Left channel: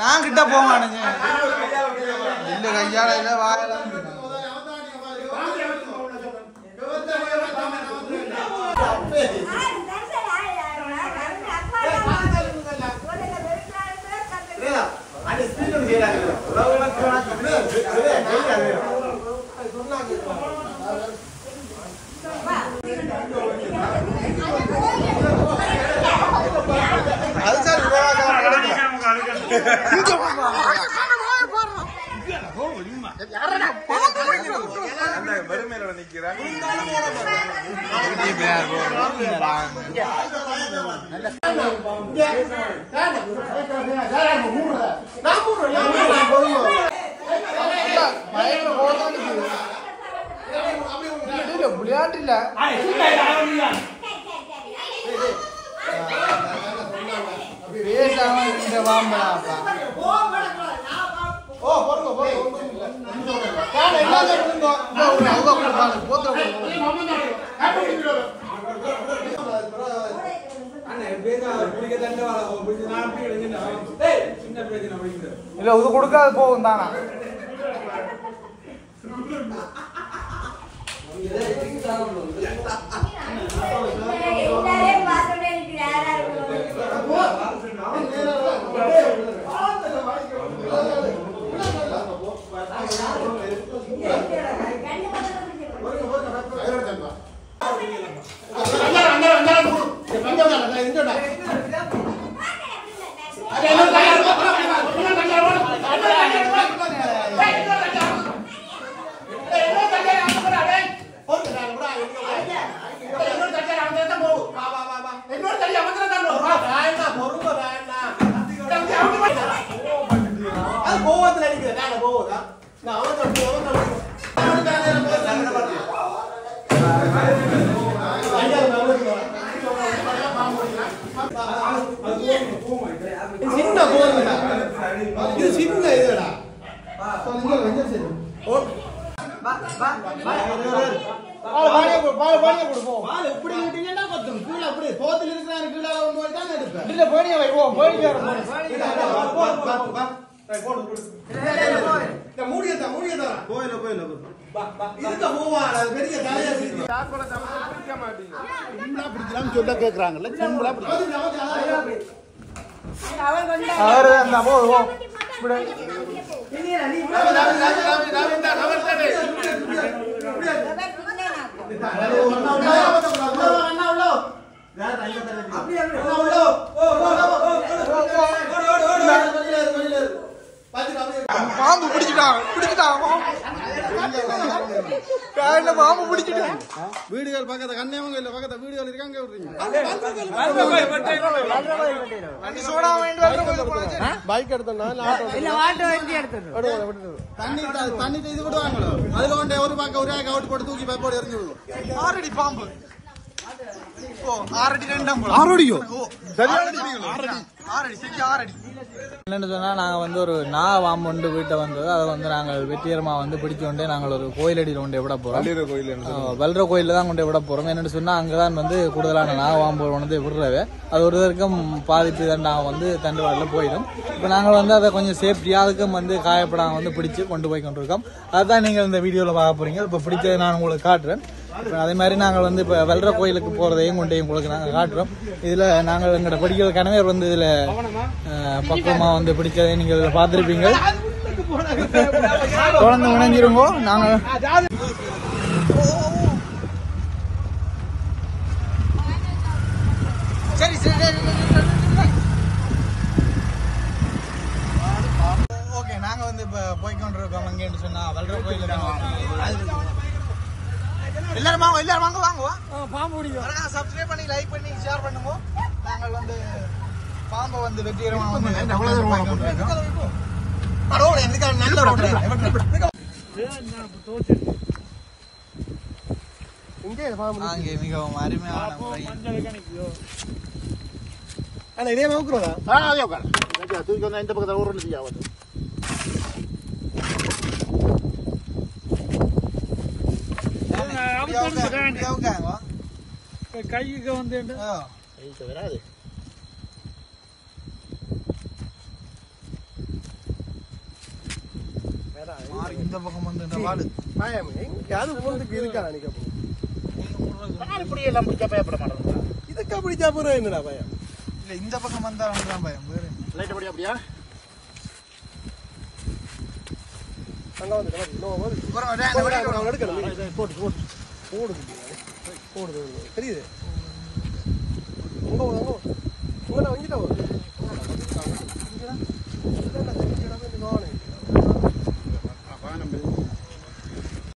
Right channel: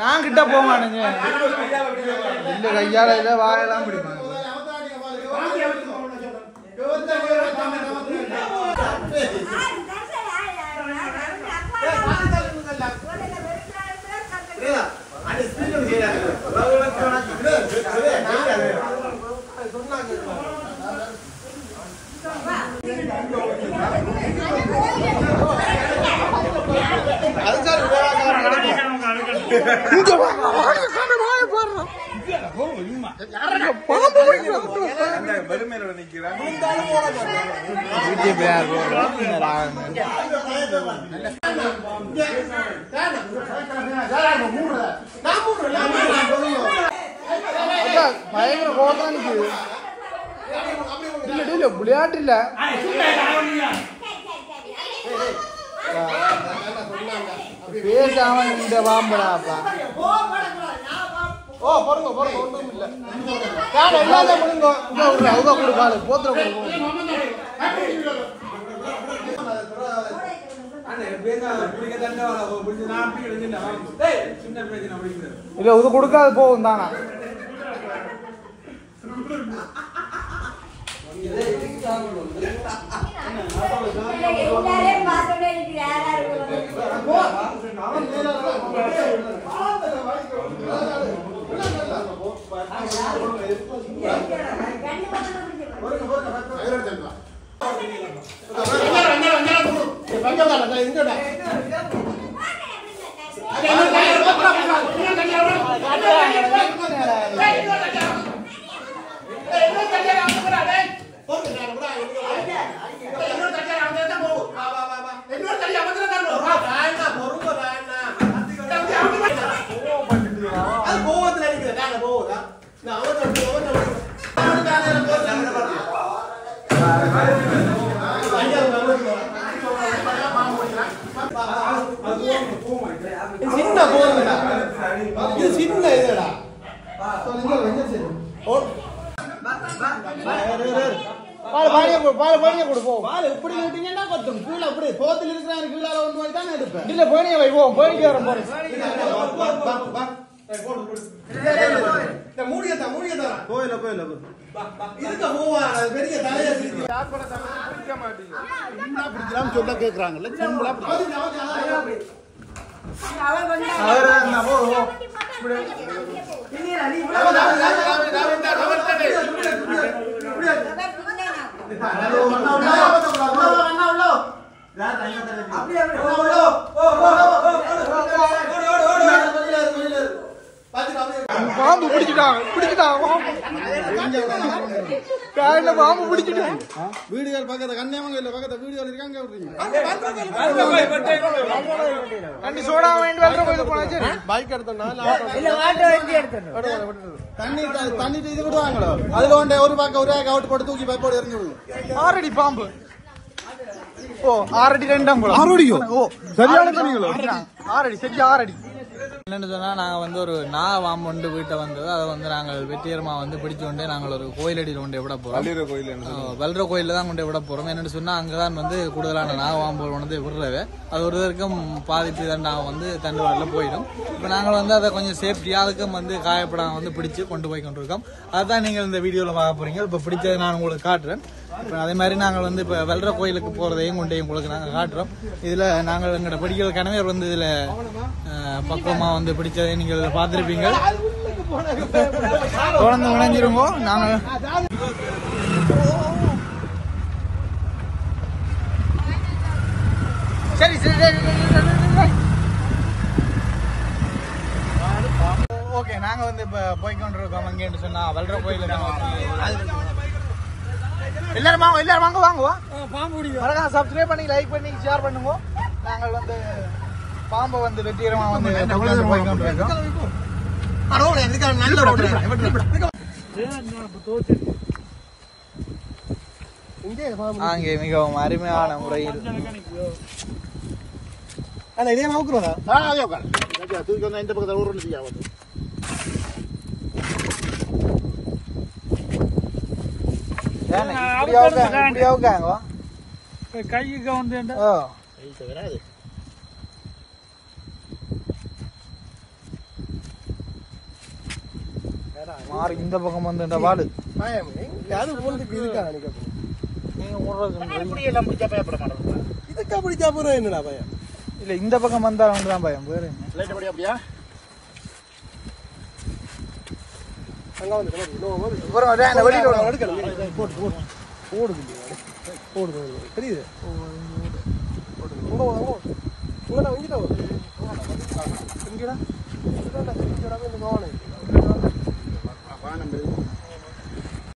நான் கிட்ட போவானுங்க இல்ல கையால இல்ல வாயெல்லாம் பிடிக்கும் இல்ல இது கொடுக்காத போகும் தானா சொல்ல கேக்குறாங்கல்ல சிம்பிளா பாம்பு பிடிச்சிட்டான் பாம்பு பிடிச்சிட்டான் வீடுகள் பக்கத்துல கன்னியாகுமரியில பக்கத்துல வீடுகள் இருக்காங்க சோடா பைக் தண்ணி இது விடுவாங்களோ அதுல ஒரு பக்கம் ஒரு அவுட் போட்டு தூக்கி பைப்போடு எரிஞ்சு விடும் ஆறடி பாம்பு ஓ 6 அடி 2 6 ஓ ஆறடி என்னன்னு சொன்னா நாங்க வந்து ஒரு வாம்பு கொண்டு வீட்டை வந்தது அதை வந்து நாங்கள் வெற்றிகரமா வந்து பிடிச்சு கொண்டே நாங்கள் ஒரு கோயிலடியில் கொண்டு விட போறோம் வல்ற கோயில தான் கொண்டு விட போறோம் என்னன்னு சொன்னா அங்கதான் வந்து கூடுதலான வாம்பு வந்து விடுறவே அது ஒரு இதற்கும் பாதிப்பு தான் வந்து தண்டுவாடல போயிடும் இப்ப நாங்கள் வந்து அதை கொஞ்சம் சேஃப்டியா அதுக்கும் வந்து காயப்படாம வந்து பிடிச்சு கொண்டு போய் கொண்டிருக்கோம் அதுதான் நீங்க இந்த வீடியோல பார்க்க போறீங்க இப்ப பிடிச்சதை நான் உங்களுக்கு காட்டுறேன் அதே மாதிரி நாங்கள் வந்து இப்ப வெல்ற கோயிலுக்கு போறதையும் கொண்டையும் உங்களுக்கு நாங்கள் காட்டுறோம் இதுல நாங்கள் எங்களோட படிக்கிற கணவர் வந்து இதுல பக்குவமா வந்து பிடிச்சதை நீங்க இதுல பாத்திருப்பீங்க குழந்தை உணஞ்சிருங்கோ நாங்க சரி ஓகே நாங்க வந்து இப்ப போய்கொண்டிருக்கோம் அங்கேன்னு சொன்னா வெல்ற கோயிலுக்கு எல்லாரும் வாங்க பாம்பு பிடிக்கும் சப்ஸ்கிரைப் பண்ணி லைக் பண்ணி ஷேர் பண்ணுங்க நாங்கள் வந்து பாம்பை வந்து வெற்றிகரமா வந்து அங்கே மிகவும் அருமையான முறையில் இதே நோக்குறதா தூக்கி வந்தா இந்த பக்கத்தில் ஒரு செய்யாது கைக்கு வந்து வராது மாறி இந்த பக்கம் வந்து வாடு பயம் அது போறதுக்கு இருக்கா நினைக்க இதுக்கு பிடிச்சா போறோம் என்னடா பயம் இல்ல இந்த பக்கம் வந்தா தான் பயம் வேற லைட் படி அப்படியா அங்க வந்து போடு போடு போடு போடு தெரியுது இங்கடா